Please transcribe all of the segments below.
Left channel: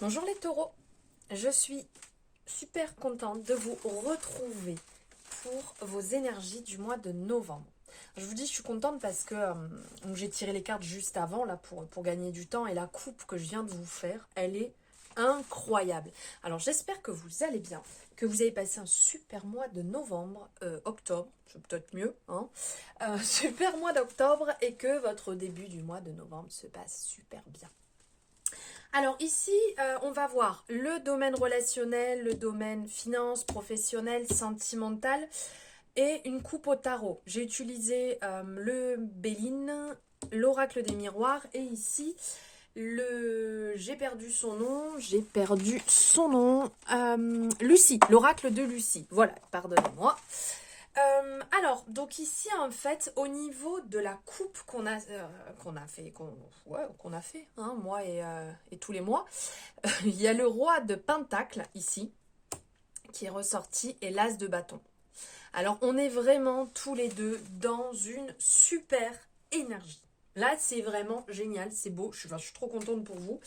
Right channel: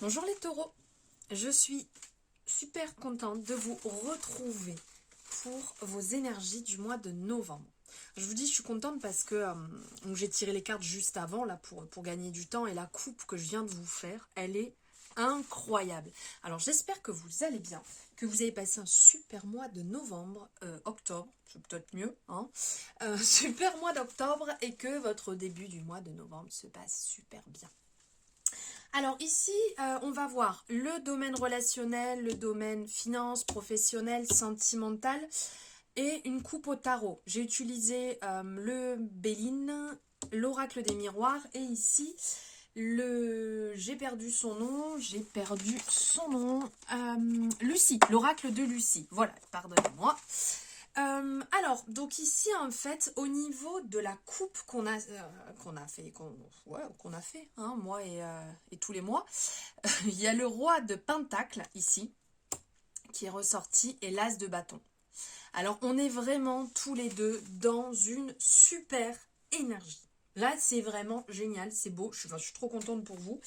Bonjour les taureaux, je suis super contente de vous retrouver pour vos énergies du mois de novembre. Je vous dis, je suis contente parce que donc j'ai tiré les cartes juste avant là pour gagner du temps et la coupe que je viens de vous faire, elle est incroyable. Alors j'espère que vous allez bien, que vous avez passé un super mois de novembre, octobre, c'est peut-être mieux, hein, super mois d'octobre et que votre début du mois de novembre se passe super bien. Alors ici, on va voir le domaine relationnel, le domaine finance, professionnel, sentimental et une coupe au tarot. J'ai utilisé le Béline, l'oracle des miroirs et ici, Lucie, l'oracle de Lucie. Voilà, pardonnez-moi. Donc ici en fait au niveau de la coupe qu'on a fait hein, moi et tous les mois, il y a le roi de Pentacle ici qui est ressorti et l'as de bâton. Alors on est vraiment tous les deux dans une super énergie. Là c'est vraiment génial, c'est beau, je suis trop contente pour vous.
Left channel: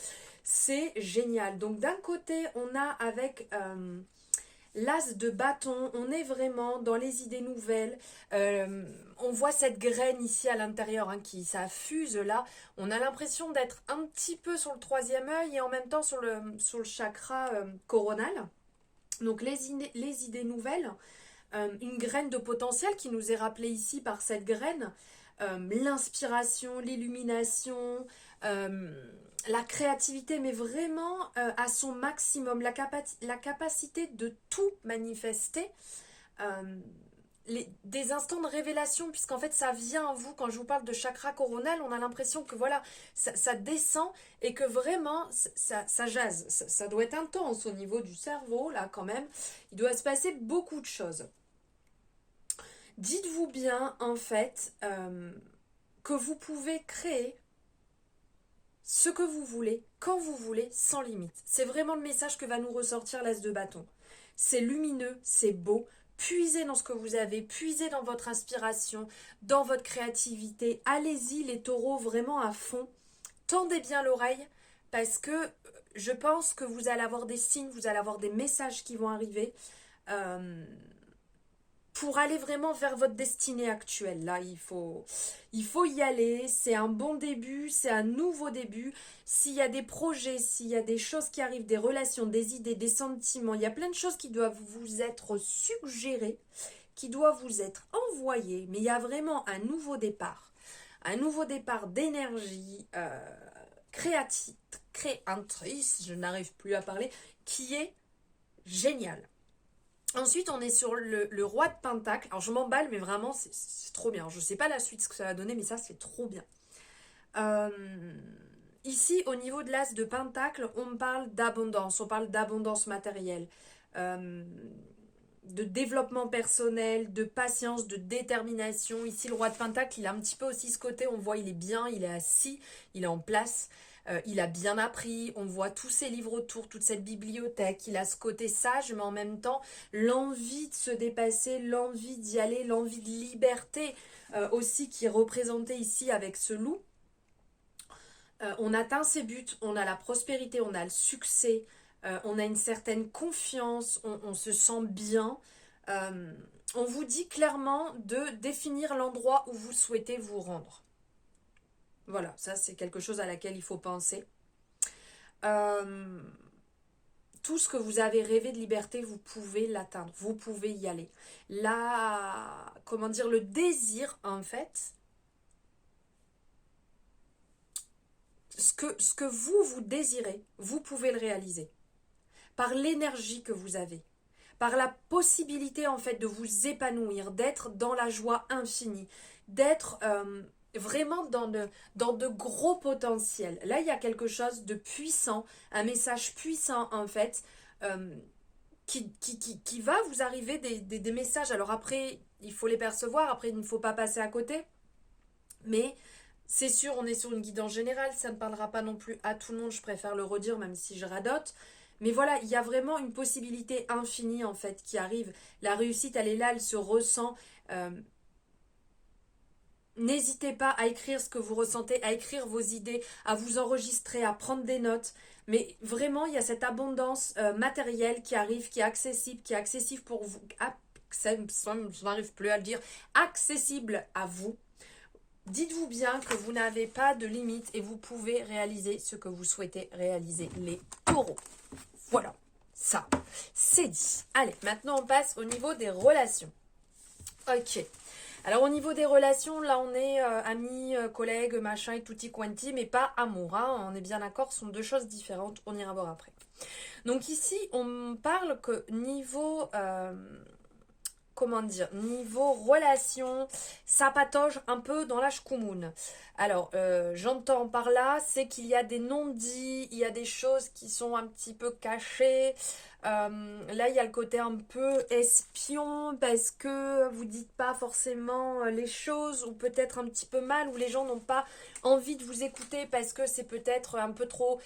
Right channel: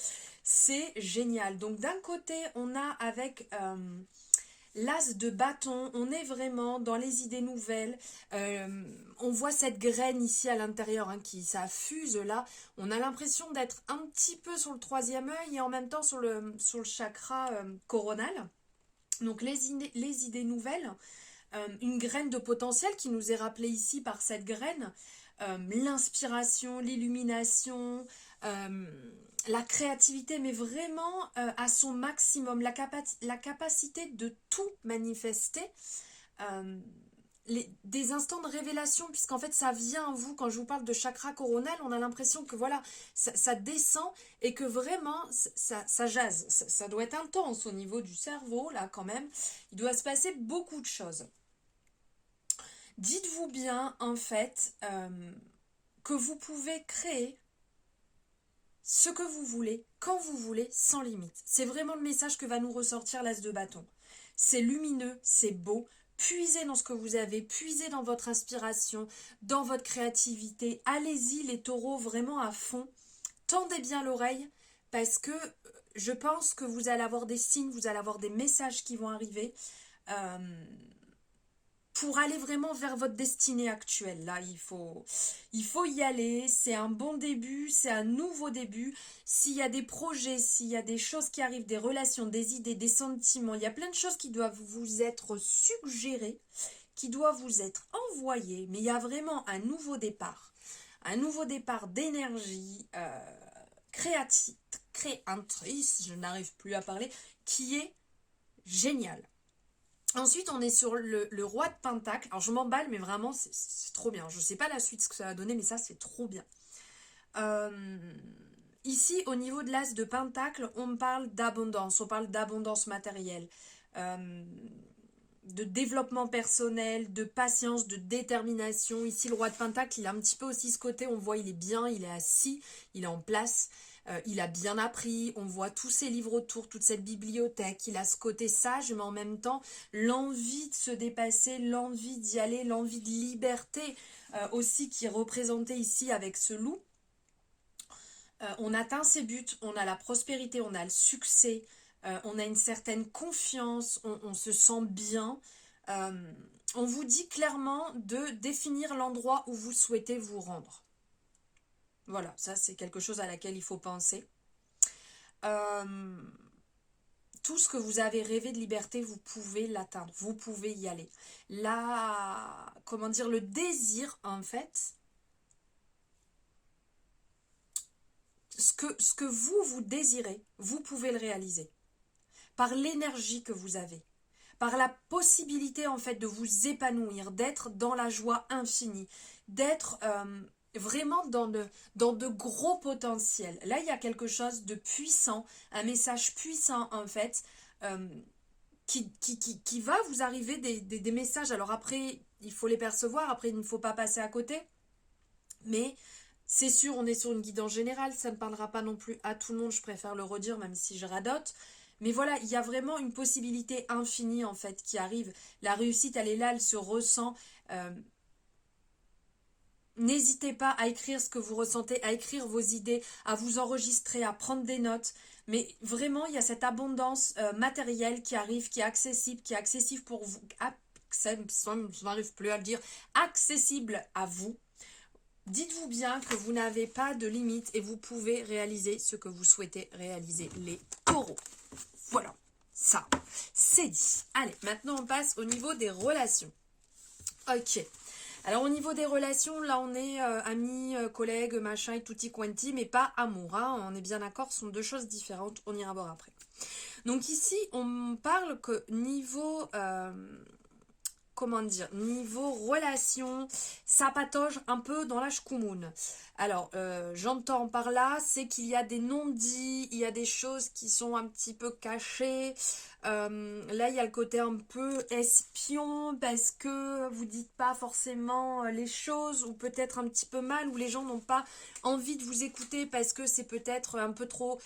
C'est génial. Donc d'un côté on a avec l'as de bâton, on est vraiment dans les idées nouvelles. On voit cette graine ici à l'intérieur ça fuse là. On a l'impression d'être un petit peu sur le troisième œil et en même temps sur le chakra coronal. Donc les idées nouvelles, une graine de potentiel qui nous est rappelée ici par cette graine, l'inspiration, l'illumination, euh, la créativité, mais vraiment à son maximum, la capacité de tout manifester, euh, des instants de révélation, puisqu'en fait ça vient en vous. Quand je vous parle de chakra coronal, on a l'impression que voilà, ça descend et que vraiment ça jase, ça doit être intense au niveau du cerveau, là quand même, il doit se passer beaucoup de choses. Dites-vous bien en fait que vous pouvez créer ce que vous voulez, quand vous voulez, sans limite. C'est vraiment le message que va nous ressortir l'as de bâton. C'est lumineux, c'est beau. Puisez dans ce que vous avez, puisez dans votre inspiration, dans votre créativité. Allez-y les taureaux vraiment à fond. Tendez bien l'oreille parce que je pense que vous allez avoir des signes, vous allez avoir des messages qui vont arriver. Pour aller vraiment vers votre destinée actuelle. Là, il faut y aller. C'est un bon début, c'est un nouveau début. S'il y a des projets, s'il y a des choses qui arrivent, des relations, des idées, des sentiments, il y a plein de choses qui doivent vous être suggérées, qui doivent vous être envoyées. Mais il y a vraiment un nouveau départ. Un nouveau départ d'énergie créatrice, je n'arrive plus à parler, qui est génial. Ensuite, on est sur le roi de Pentacle. Alors, je m'emballe, mais vraiment, c'est trop bien. Je ne sais pas la suite, ce que ça va donner, mais ça, c'est trop bien. Euh, Ici, au niveau de l'as de Pentacle, on parle d'abondance. On parle d'abondance matérielle, euh, de développement personnel, de patience, de détermination. Ici, le roi de Pentacle, il a un petit peu aussi ce côté. On voit, il est bien, il est assis, il est en place. Il a bien appris, on voit tous ses livres autour, toute cette bibliothèque. Il a ce côté sage, mais en même temps, l'envie de se dépasser, l'envie d'y aller, l'envie de liberté aussi qui est représentée ici avec ce loup. On atteint ses buts, on a la prospérité, on a le succès, on a une certaine confiance, on se sent bien. Euh, on vous dit clairement de définir l'endroit où vous souhaitez vous rendre. Voilà, ça c'est quelque chose à laquelle il faut penser. Euh, tout ce que vous avez rêvé de liberté, vous pouvez l'atteindre, vous pouvez y aller. Comment dire, le désir, en fait, ce que vous désirez, vous pouvez le réaliser. Par l'énergie que vous avez, par la possibilité, en fait, de vous épanouir, d'être dans la joie infinie, d'être vraiment dans de gros potentiels. Là, il y a quelque chose de puissant, un message puissant, en fait, euh, qui va vous arriver des messages. Alors après, il faut les percevoir, après, il ne faut pas passer à côté. Mais c'est sûr, on est sur une guidance générale, ça ne parlera pas non plus à tout le monde, je préfère le redire, même si je radote. Mais voilà, il y a vraiment une possibilité infinie, en fait, qui arrive. La réussite, elle est là, elle se ressent. Euh, N'hésitez pas à écrire ce que vous ressentez, à écrire vos idées, à vous enregistrer, à prendre des notes. Mais vraiment, il y a cette abondance matérielle qui arrive, qui est accessible pour vous, je n'arrive plus à le dire, accessible à vous. Dites-vous bien que vous n'avez pas de limite et vous pouvez réaliser ce que vous souhaitez réaliser, les taureaux. Voilà, ça, c'est dit. Allez, maintenant on passe au niveau des relations. Ok. Alors au niveau des relations, là on est amis, collègues, machin et tutti quanti, mais pas amour, hein, on est bien d'accord, ce sont deux choses différentes, on ira voir après. Donc ici, on parle que niveau, comment dire, niveau relation, ça patauge un peu dans la schkoumoun. Alors, j'entends par là, c'est qu'il y a des non-dits, il y a des choses qui sont un petit peu cachées. Là, il y a le côté un peu espion, parce que vous dites pas forcément les choses, ou peut-être un petit peu mal, ou les gens n'ont pas envie de vous écouter, parce que c'est peut-être un peu trop,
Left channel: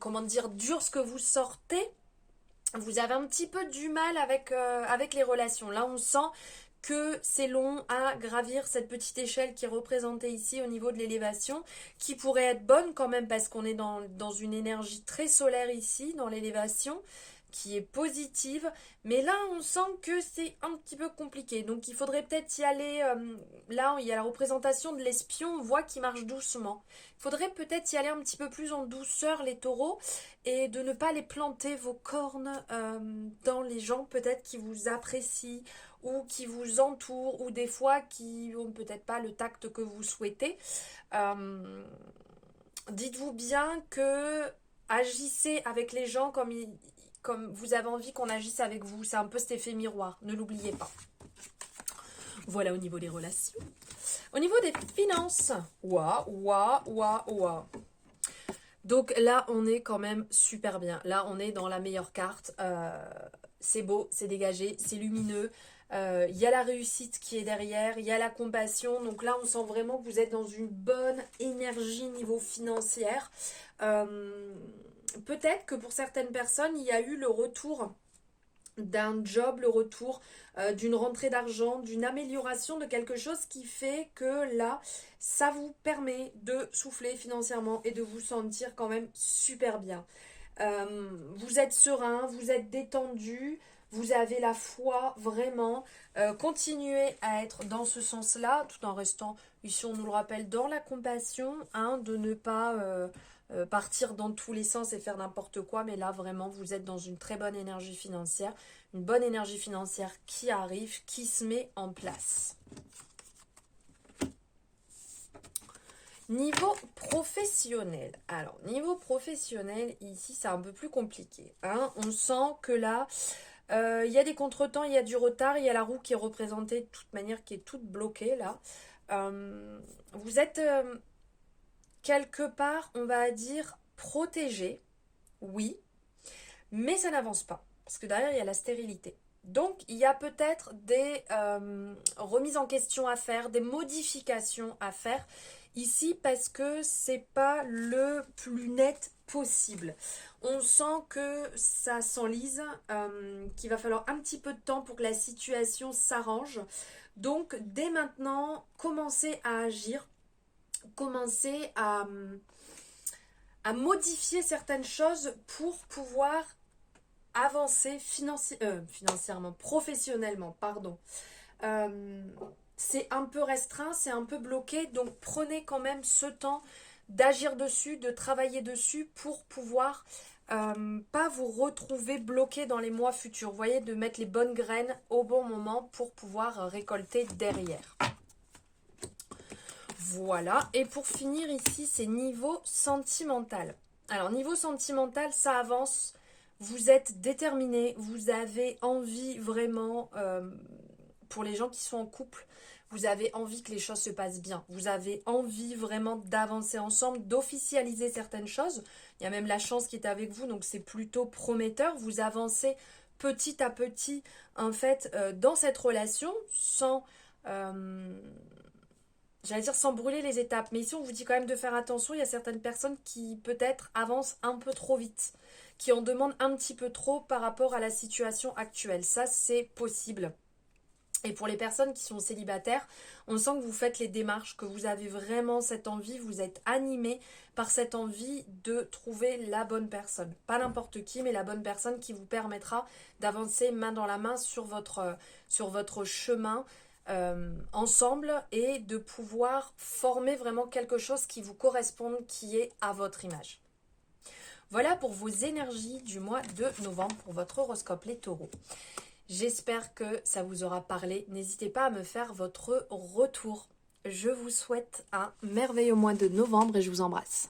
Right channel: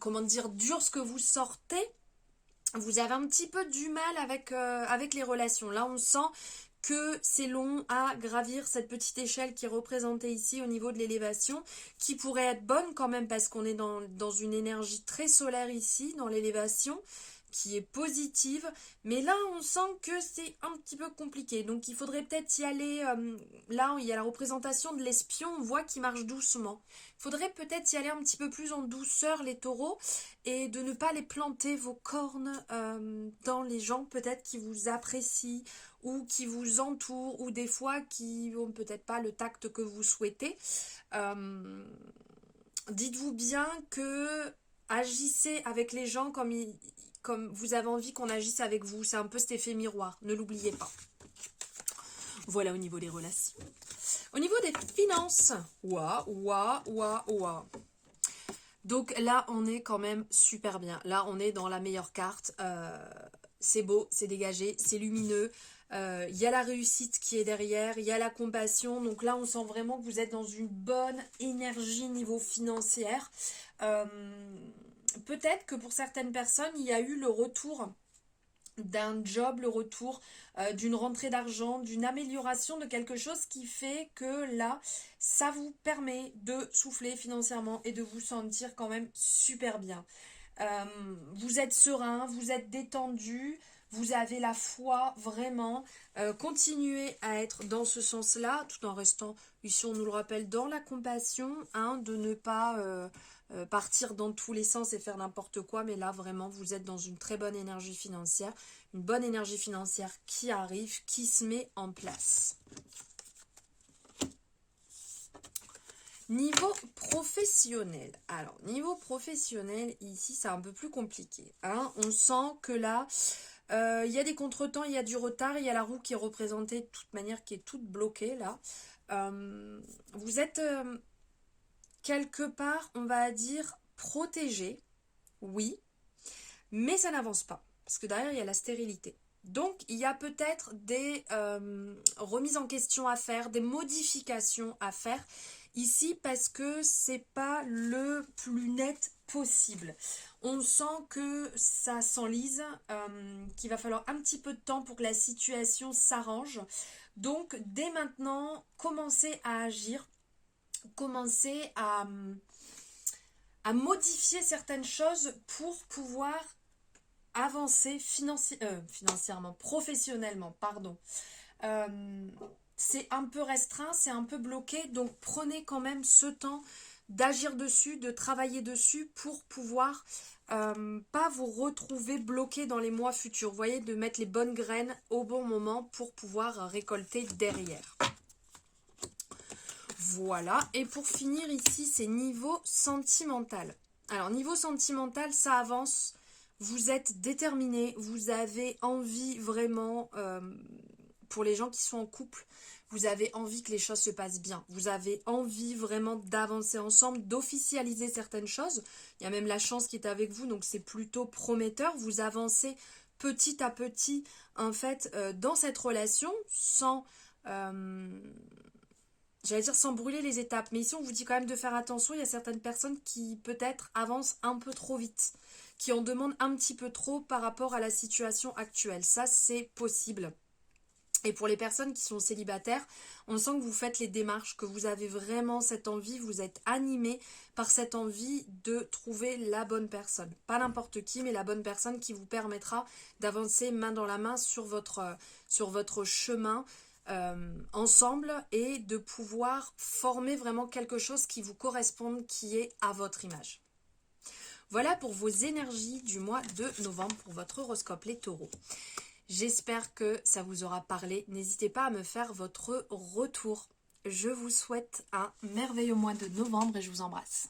comment dire, dur ce que vous sortez. Vous avez un petit peu du mal avec les relations. Là, on sent que c'est long à gravir cette petite échelle qui est représentée ici au niveau de l'élévation, qui pourrait être bonne quand même parce qu'on est dans une énergie très solaire ici, dans l'élévation, qui est positive. Mais là, on sent que c'est un petit peu compliqué. Donc, il faudrait peut-être y aller. Là, il y a la représentation de l'espion, on voit qu'il marche doucement. Il faudrait peut-être y aller un petit peu plus en douceur, les taureaux, et de ne pas les planter vos cornes dans les gens peut-être qui vous apprécient ou qui vous entourent ou des fois qui n'ont peut-être pas le tact que vous souhaitez. Euh, Dites-vous bien que agissez avec les gens comme vous avez envie qu'on agisse avec vous. C'est un peu cet effet miroir, ne l'oubliez pas. Voilà au niveau des relations. Au niveau des finances, ouah. Donc là, on est quand même super bien. Là, on est dans la meilleure carte. C'est beau, c'est dégagé, c'est lumineux. Il y a la réussite qui est derrière, il y a la compassion. Donc là, on sent vraiment que vous êtes dans une bonne énergie niveau financière. Peut-être que pour certaines personnes, il y a eu le retour d'un job, le retour d'une rentrée d'argent, d'une amélioration de quelque chose qui fait que là, ça vous permet de souffler financièrement et de vous sentir quand même super bien. Vous êtes serein, vous êtes détendu, vous avez la foi vraiment. Continuez à être dans ce sens-là, tout en restant, ici on nous le rappelle, dans la compassion, hein, de ne pas partir dans tous les sens et faire n'importe quoi, mais là vraiment vous êtes dans une très bonne énergie financière, une bonne énergie financière qui arrive, qui se met en place. Niveau professionnel. Alors, niveau professionnel, ici, c'est un peu plus compliqué, hein. On sent que là, il y a des contretemps, il y a du retard, il y a la roue qui est représentée de toute manière, qui est toute bloquée, là. Vous êtes quelque part, on va dire, protégé, oui, mais ça n'avance pas, parce que derrière, il y a la stérilité. Donc, il y a peut-être des remises en question à faire, des modifications à faire ici parce que c'est pas le plus net possible. On sent que ça s'enlise, qu'il va falloir un petit peu de temps pour que la situation s'arrange. Donc, dès maintenant, commencez à agir, commencez à modifier certaines choses pour pouvoir avancer financièrement, professionnellement, pardon. Euh, c'est un peu restreint, c'est un peu bloqué, donc prenez quand même ce temps d'agir dessus, de travailler dessus pour pouvoir pas vous retrouver bloqué dans les mois futurs. Vous voyez, de mettre les bonnes graines au bon moment pour pouvoir récolter derrière. Voilà, et pour finir ici, c'est niveau sentimental. Alors, niveau sentimental, ça avance. Vous êtes déterminé, vous avez envie vraiment, pour les gens qui sont en couple, vous avez envie que les choses se passent bien. Vous avez envie vraiment d'avancer ensemble, d'officialiser certaines choses. Il y a même la chance qui est avec vous, donc c'est plutôt prometteur. Vous avancez petit à petit, en fait, dans cette relation, sans, j'allais dire sans brûler les étapes. Mais ici, on vous dit quand même de faire attention. Il y a certaines personnes qui peut-être avancent un peu trop vite, qui en demandent un petit peu trop par rapport à la situation actuelle. Ça, c'est possible. Et pour les personnes qui sont célibataires, on sent que vous faites les démarches, que vous avez vraiment cette envie, vous êtes animé par cette envie de trouver la bonne personne. Pas n'importe qui, mais la bonne personne qui vous permettra d'avancer main dans la main sur votre chemin ensemble et de pouvoir former vraiment quelque chose qui vous corresponde, qui est à votre image. Voilà pour vos énergies du mois de novembre pour votre horoscope, les taureaux. J'espère que ça vous aura parlé. N'hésitez pas à me faire votre retour. Je vous souhaite un merveilleux mois de novembre et je vous embrasse.